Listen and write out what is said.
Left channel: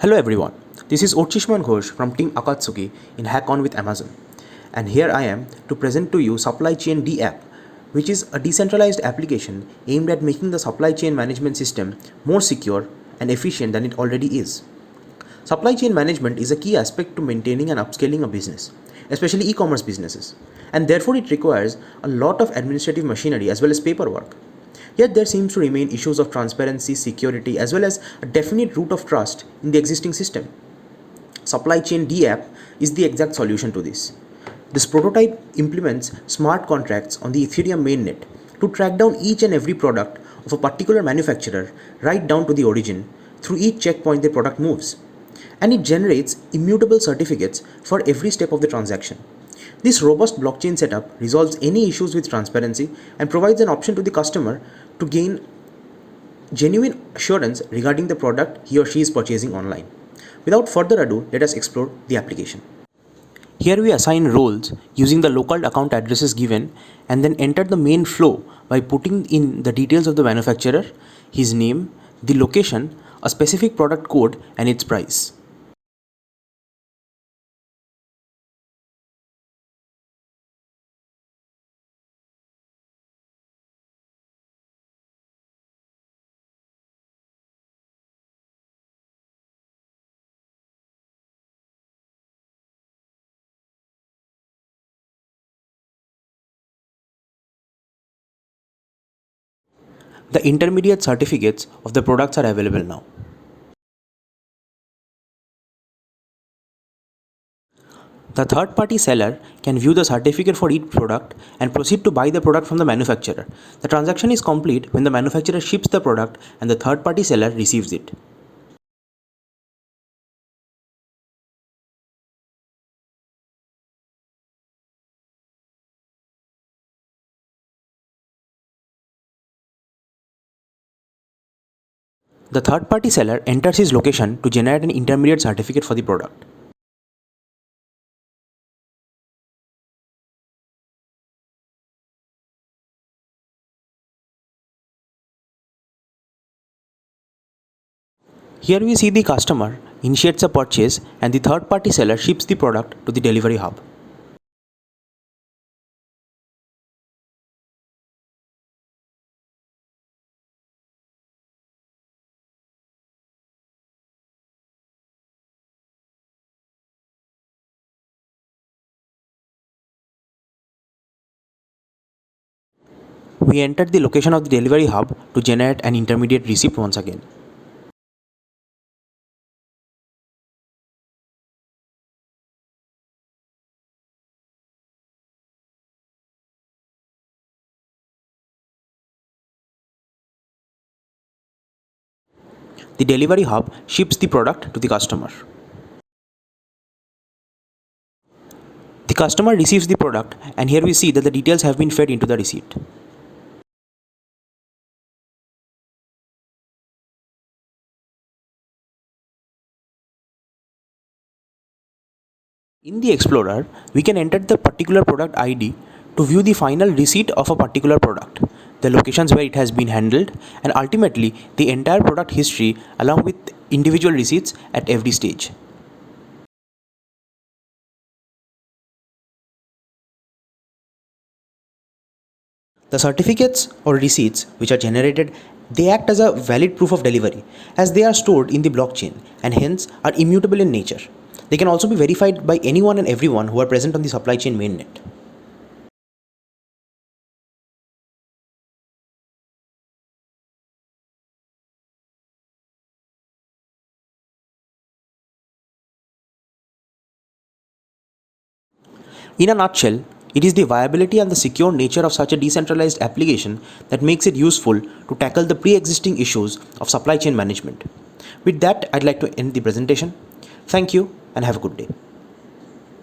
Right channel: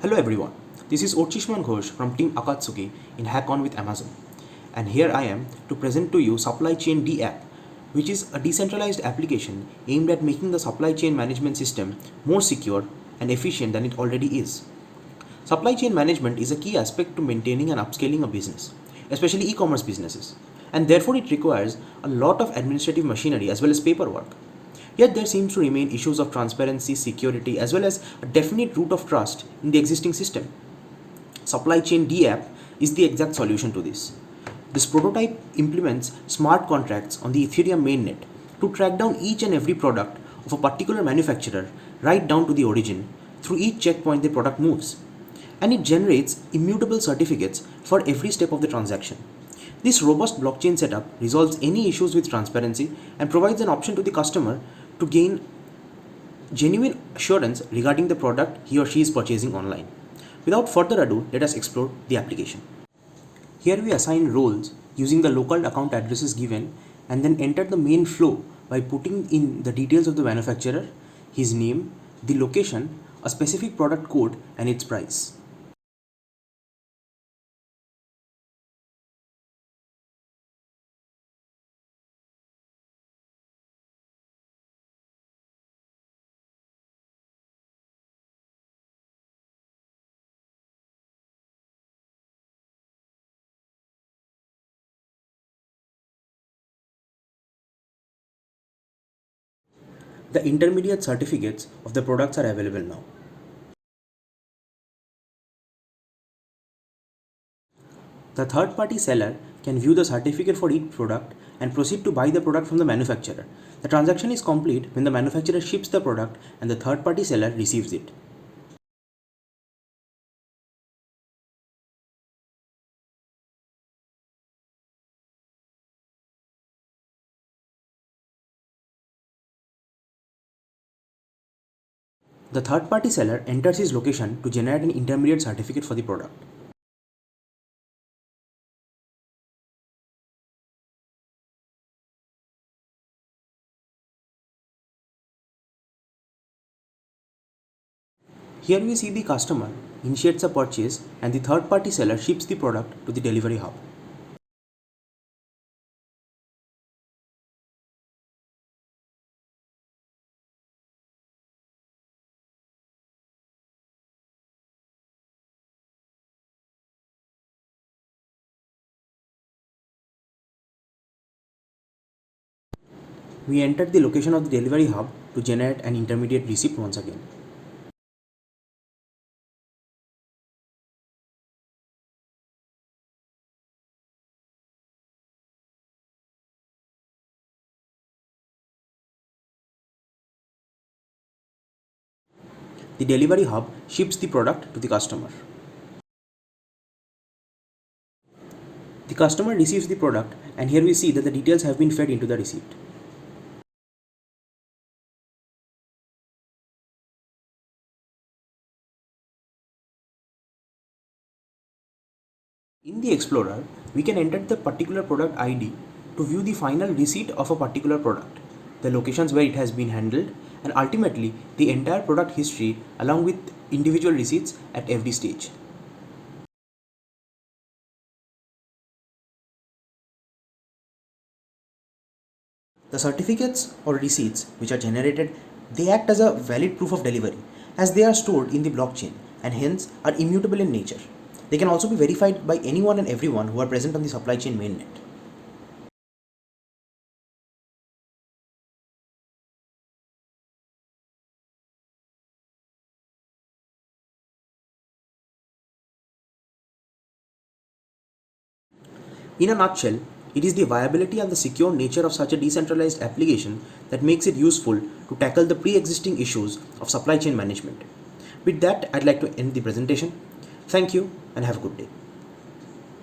Hello everyone, this is Orchishman Ghosh from Team Akatsuki in Hack On with Amazon. And here I am to present to you Supply Chain D app, which is a decentralized application aimed at making the supply chain management system more secure and efficient than it already is. Supply chain management is a key aspect to maintaining and upscaling a business, especially e-commerce businesses, and therefore it requires a lot of administrative machinery as well as paperwork. Yet there seems to remain issues of transparency, security, as well as a definite root of trust in the existing system. Supply Chain D app is the exact solution to this. This prototype implements smart contracts on the Ethereum mainnet to track down each and every product of a particular manufacturer right down to the origin through each checkpoint the product moves. And it generates immutable certificates for every step of the transaction. This robust blockchain setup resolves any issues with transparency and provides an option to the customer to gain genuine assurance regarding the product he or she is purchasing online. Without further ado, let us explore the application. Here we assign roles using the local account addresses given and then enter the main flow by putting in the details of the manufacturer, his name, the location, a specific product code and its price. The intermediate certificates of the products are available now. The third-party seller can view the certificate for each product and proceed to buy the product from the manufacturer. The transaction is complete when the manufacturer ships the product and the third-party seller receives it. The third-party seller enters his location to generate an intermediate certificate for the product. Here we see the customer initiates a purchase and the third-party seller ships the product to the delivery hub. We enter the location of the delivery hub to generate an intermediate receipt once again. The delivery hub ships the product to the customer. The customer receives the product and here we see that the details have been fed into the receipt. In the Explorer, we can enter the particular product ID to view the final receipt of a particular product, the locations where it has been handled, and ultimately the entire product history along with individual receipts at every stage. The certificates or receipts which are generated, they act as a valid proof of delivery as they are stored in the blockchain and hence are immutable in nature. They can also be verified by anyone and everyone who are present on the supply chain mainnet. In a nutshell, it is the viability and the secure nature of such a decentralized application that makes it useful to tackle the pre-existing issues of supply chain management. With that, I'd like to end the presentation. Thank you and have a good day.